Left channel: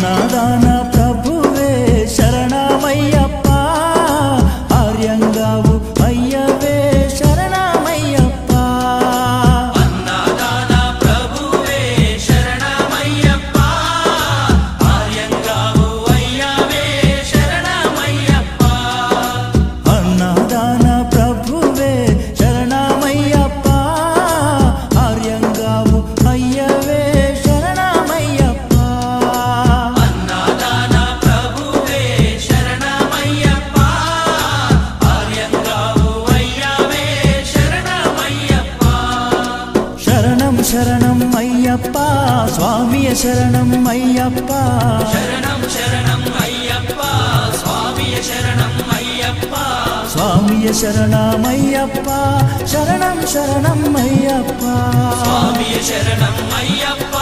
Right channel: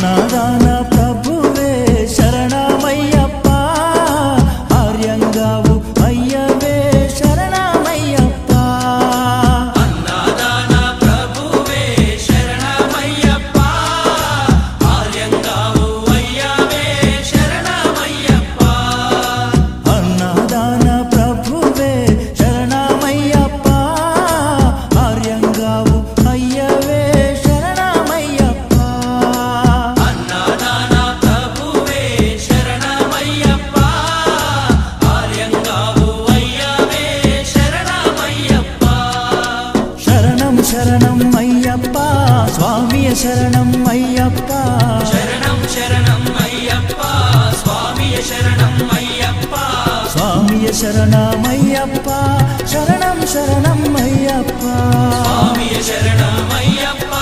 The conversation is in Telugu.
అన్నదాన ప్రభువే శరణమయ్యప్ప, ఆర్యంగావు అయ్యవే శరణమయ్యప్ప. అన్నదాన ప్రభువే శరణమయ్యప్ప, ఆర్యంగావు అయ్యవే శరణమయ్యప్ప. అన్నదాన ప్రభువే శరణమయ్యప్ప, ఆర్యంగావు అయ్యవే శరణమయ్యప్ప. అన్నదాన ప్రభువే శరణమయ్యప్ప, ఆర్యంగావు అయ్యవే శరణమయ్యప్ప. శరణం శరణం అయ్యప్ప, స్వామియ శరణం అయ్యప్ప. శరణం శరణం అయ్యప్ప, స్వామియ శరణం అయ్యప్ప. స్వామియ శరణమయ్యప్ప, శరణం శరణం అయ్యప్ప. స్వామియ శరణం అయ్యప్ప,